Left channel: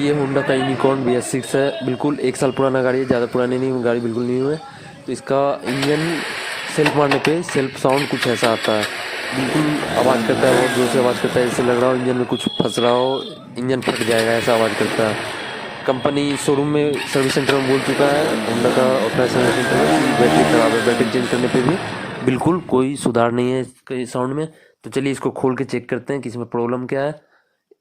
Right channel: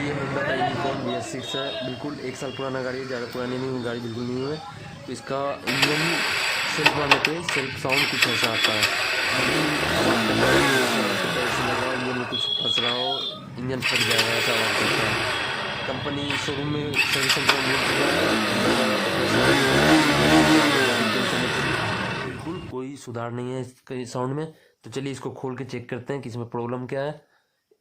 ये होंडा का unicorn BS6 है। बिल्कुल 1 साल पुराना गाड़ी है, ज़्यादा पुरानी नहीं गाड़ी, बिल्कुल न्यू है। तो इसका इंजन सेल्फ मारने पे सेल्फ साउंड कुछ ऐसा आता है, बिल्कुल आवाज़ करता है, बहुत ज़ोर से आवाज़ करता है, जैसे लग रहा हो इंजन में कुछ फंस रहा हो, इंजन फट जाएगा ऐसा आवाज़ करता है। कंपनी शोरूम में सर्विस सेंटर में बोल चुका है, होंडा का ऑथराइज सर्विस सेंटर में, कि बैटरी ख़राब है, बैटरी चेंज करने पे भी बिल्कुल कोई सुधार नहीं है इसके साउंड में। तो चलिए इसको खोल के चेक करते हैं कि इसमें प्रॉब्लम क्या है,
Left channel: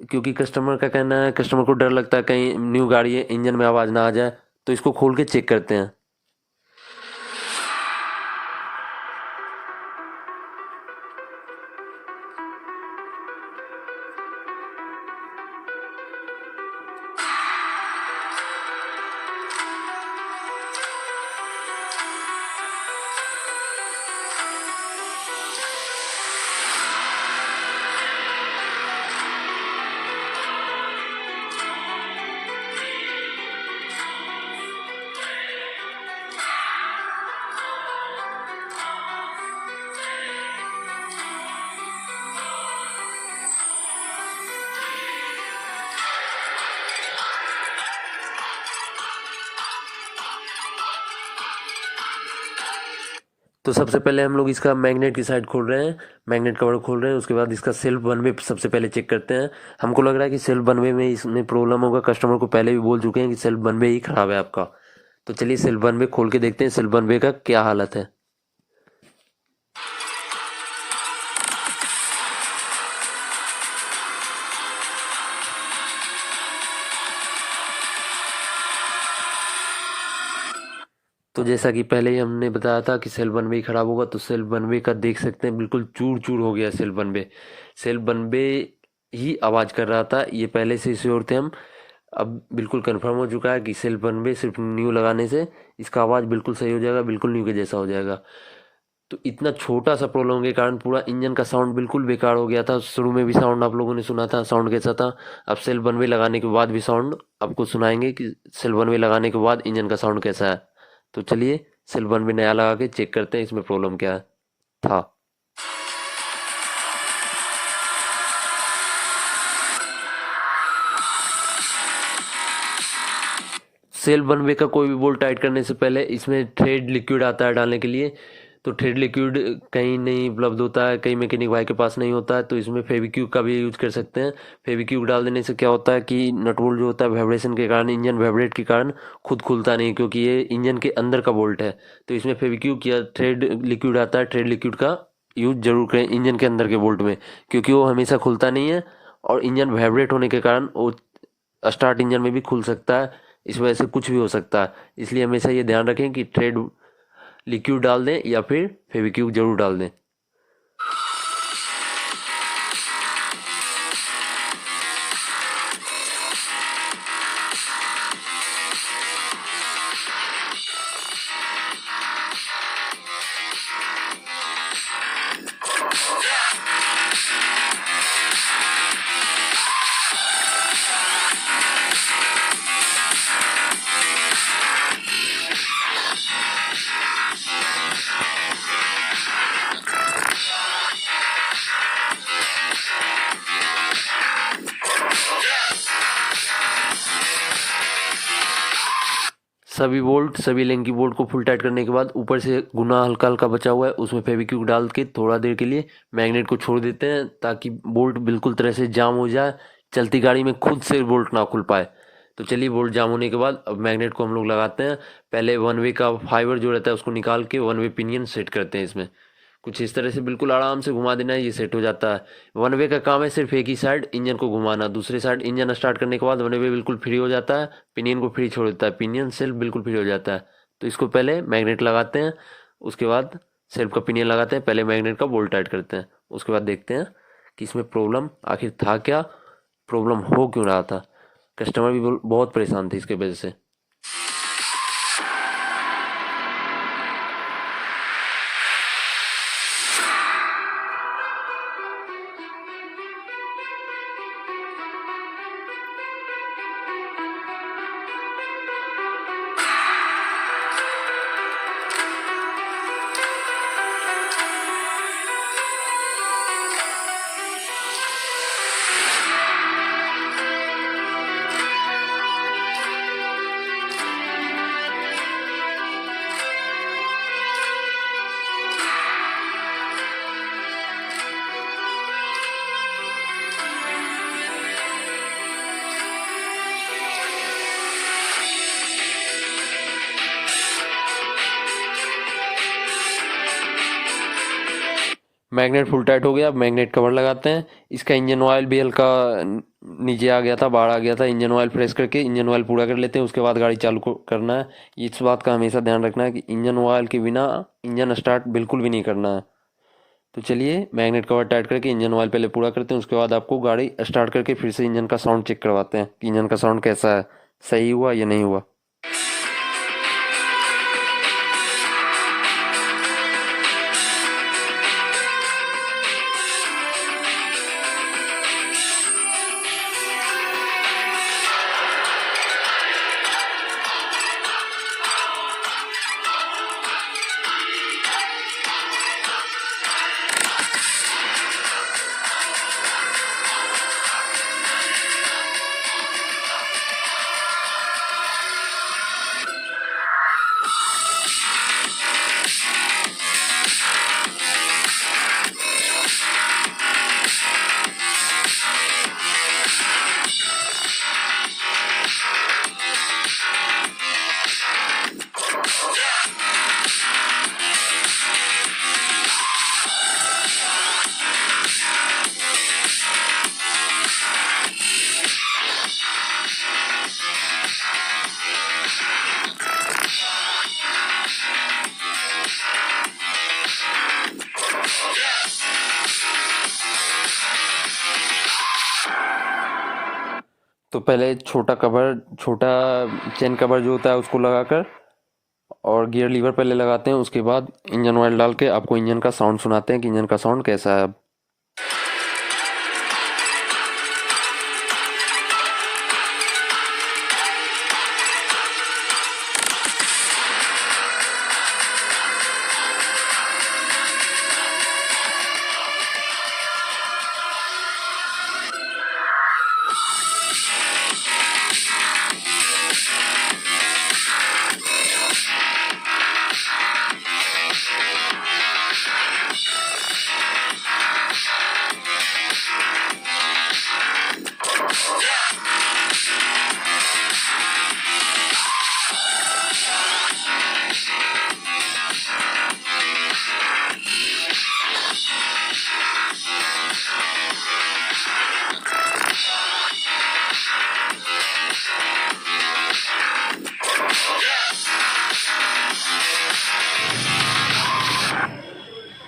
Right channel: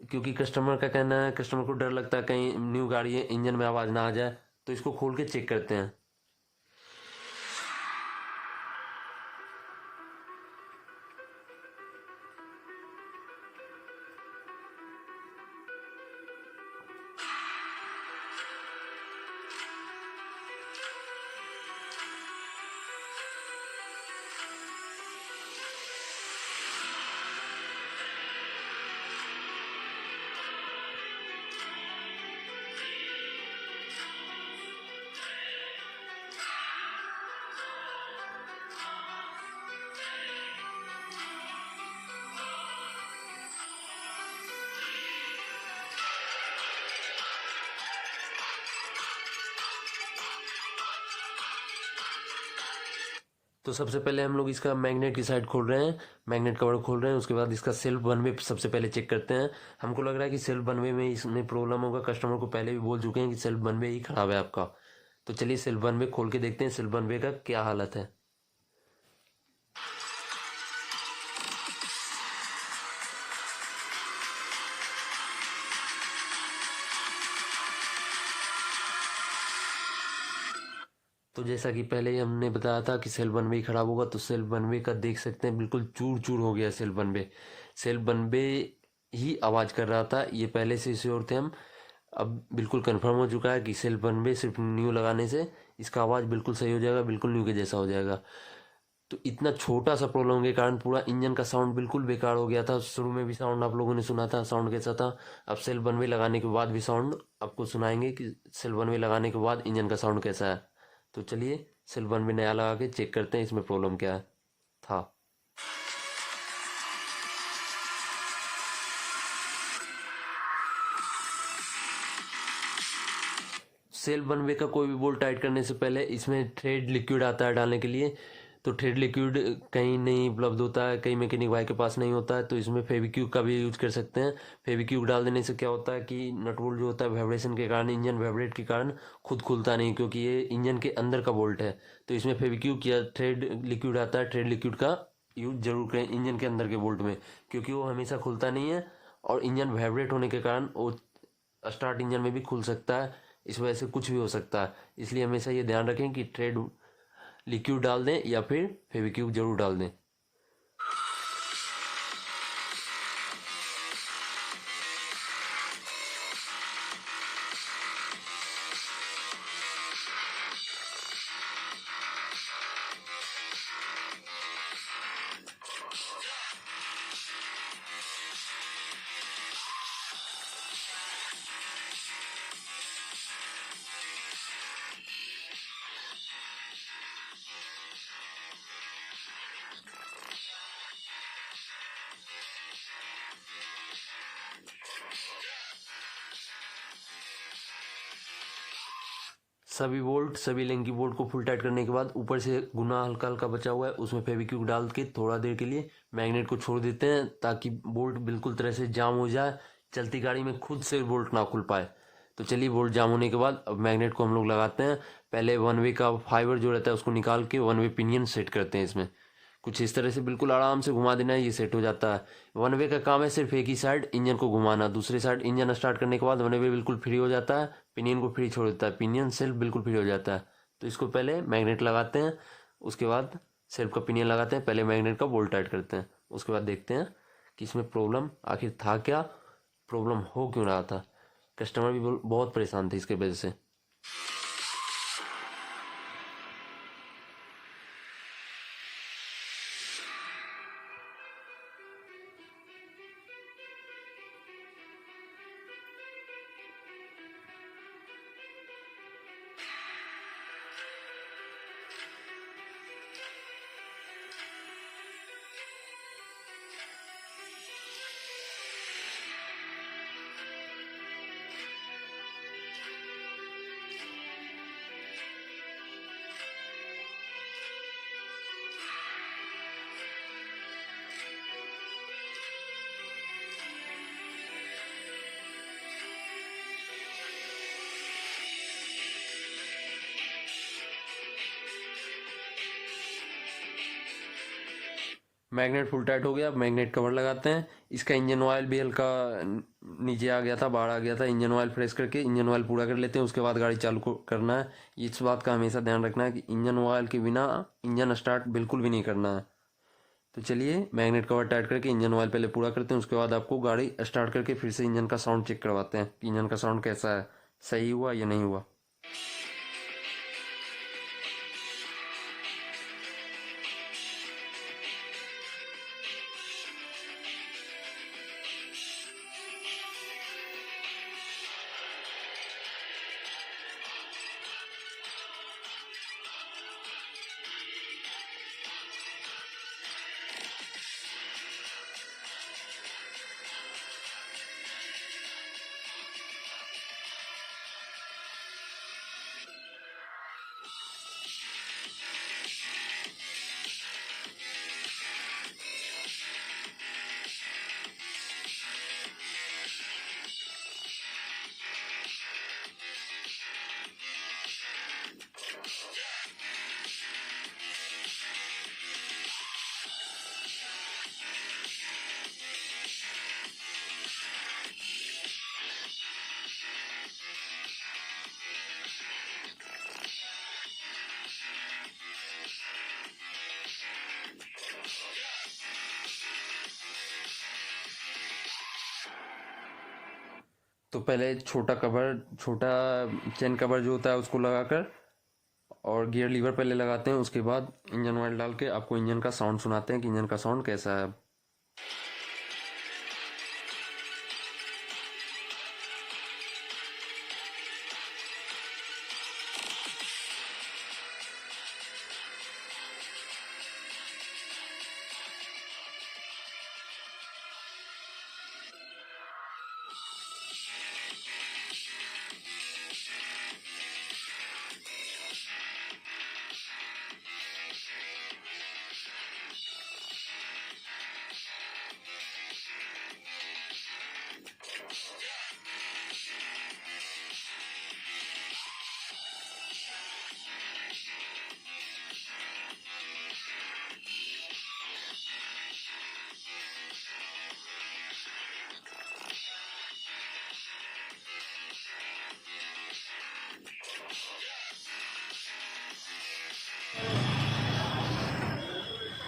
क्योंकि कस्टमर का कहना है, कस्टमर को डर लगता है कहीं न्यू गाड़ी है इंजन में आवाज़ ना आ जाए। तो इसको खोल के चेक करते हैं। तो सबसे पहले हम लोग इसका मैग्नेट की साइड खोल रहे हैं, मैग्नेट कवर खोल रहे हैं। उसके बाद इसका सेल्फ वन वे सबसे पहले चेक करते हैं। हमको लग रहा है कि सेल्फ वन वे में इसमें प्रॉब्लम होगा, कस्टमर को पहले भी बोल चुके हैं कि सेल्फ वन वे ही ख़राब है आपका। तो चलिए सेल्फ वन वे खोल के देखते हैं सेल्फ वन वे का क्या हालत है। तो जैसा कि पहले ही हमने बताया था कि सेल वन वे ख़राब होगा, तो सेल वन वे का देख सकते हैं बिल्कुल चूर चूर हो गया सेल वन वे। सेल वन वे ही आवाज़ कर रहा था, ये पहले से श्योर थे हम। अब बिल्कुल कंफर्म हो चुका है कि सेल वन वे सिर्फ न्यू लगाने से इसका आवाज़ बिल्कुल सही हो जाएगा, बिल्कुल न्यू के जैसा हो जाएगा। तो इतना छोटा सा प्रॉब्लम के कारण पूरा इंजन का साउंड बिल्कुल बेकार हो गया था। शुरू में भी साउंड आप लोगों ने सुना था, साउंड कैसा था। अब सेल वन वे लगाने के बाद भी साउंड आपको सुनाएंगे कि सेल वन वे लगाने के बाद इंजन का साउंड कैसा है। तो चलिए सेल वन वे नया लगा के चेक करते हैं इसमें प्रॉब्लम क्या था। सेल वन वे का कोई भी बोल्ट टाइट करने से पहले इसमें थ्रेड लिक्विड आता है डालने के लिए। तो थ्रेड लिक्विड कहीं नहीं उपलब्ध होता है, कहीं मैकेनिक भाई के पास नहीं होता है, तो इसमें फेविक्विक का भी यूज कर सकते हैं। फेविक्विक डाल देने से क्या होता है कि नट बोल्ट जो होता है वाइब्रेशन के कारण, इंजन वाइब्रेट के कारण खुद खुलता नहीं, क्योंकि ये इंजन के अंदर का बोल्ट है। तो इसमें फेविक्विक या थ्रेड लिक्विड आता है, थ्रेड लिक्विड का यूज जरूर करें इंजन के अंदर के बोल्ट में, क्योंकि वो हमेशा खुलता नहीं है और इंजन वाइब्रेट होने के कारण वो स्टार्ट इंजन में भी खुल सकता है। इस वजह से कुछ भी हो सकता है, इसलिए हमेशा ये ध्यान रखें कि थ्रेड लिक्विड डाल दें या फिर फेविक्विक जरूर डाल दें। सभी बोल्ट, सभी लिंकी बोल्ट को फुल टाइट करने के बाद ऊपर से गुना हल्का हल्का बचा हुआ है उसमें फेविक्विक डाल के थोड़ा देर के लिए मैग्नेट को छोड़ देते हैं, ताकि बोल्ट बिल्कुल तरह से जाम हो जाए, चलती गाड़ी में खुद से बोल्ट ना खुल पाए। तो चलिए बोल्ट जाम होने के बाद अब मैग्नेट को हम लोग लगाते हैं। पहले वन वे का फाइबर जो रहता है उसको निकाल के वन वे पिनियन सेट करते हैं इसमें। कुछ इस तरह से बिल्कुल आराम से घुमा देना है, ये सेट हो जाता है। वन वे का काम है सिर्फ एक ही साइड इंजन को घुमाना, दूसरे साइड इंजन स्टार्ट करने के बाद वन वे बिल्कुल फ्री हो जाता है, पिनियन को फ्री छोड़ देता है, पिनियन सेल्फ बिल्कुल फ्री हो जाता है। तो इसको पहले मैग्नेट लगाते हैं, उसके बाद सेल्फ का पिनियन लगाते हैं, पहले मैग्नेट का बोल्ट टाइट करते हैं, उसके बाद देखते हैं कि इसमें प्रॉब्लम आखिर था क्या, प्रॉब्लम हो क्यों रहा था। कस्टमर भी बहुत परेशान थे इसके वजह से। मैग्नेट फुल टाइट हो गया। अब मैग्नेट कवर लगाते हैं। इसका इंजन ऑयल भी हल्का नीचे आ गया था, बाहर आ गया था। इंजन ऑयल प्रेस करके इंजन ऑयल पूरा कर लेते हैं, उसके बाद गाड़ी चालू करना है। इस बात का हमेशा ध्यान रखना है कि इंजन ऑयल के बिना इंजन स्टार्ट बिल्कुल भी नहीं करना है। तो चलिए मैग्नेट कवर टाइट करके इंजन ऑयल पहले पूरा करते हैं, उसके बाद आपको गाड़ी स्टार्ट करके फिर से इंजन का साउंड चेक करवाते हैं कि इंजन का साउंड कैसा है, सही हुआ या नहीं हुआ। तो पहले छोटा चेन कवर जो होता है उसको लगाकर और गियर लीवर पहले लगाते हैं, उसके बाद इंजन ऑयल डाल के आपको इंजन का साउंड सुनाते हैं कि इंजन का साउंड कैसा है अब।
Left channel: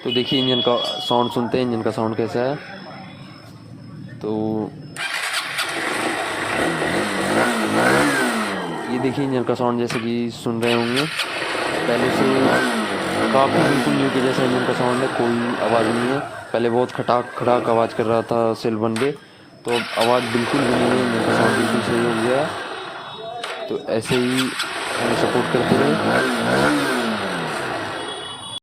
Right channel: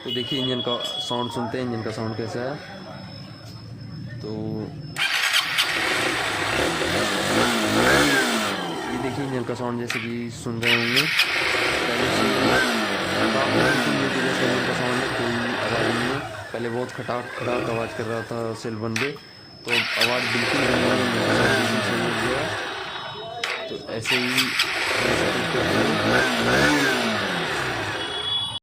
तो देखिए इंजन का साउंड सुनते हैं, इंजन का साउंड कैसा है। तो ये देखिए इंजन का साउंड जैसे कि सुन रहे होंगे, पहले से काफ़ी बिल्कुल न्यू के जैसा इंजन का साउंड है, कोई आवाज़ नहीं है। पहले बहुत खटाक खटाक आवाज़ कर रहा था सेल वन पे, तो अब आवाज़ बिल्कुल भी नहीं है, इंजन का साउंड बिल्कुल सही हो गया। तो ऐसे ही हमें सपोर्ट करते हैं।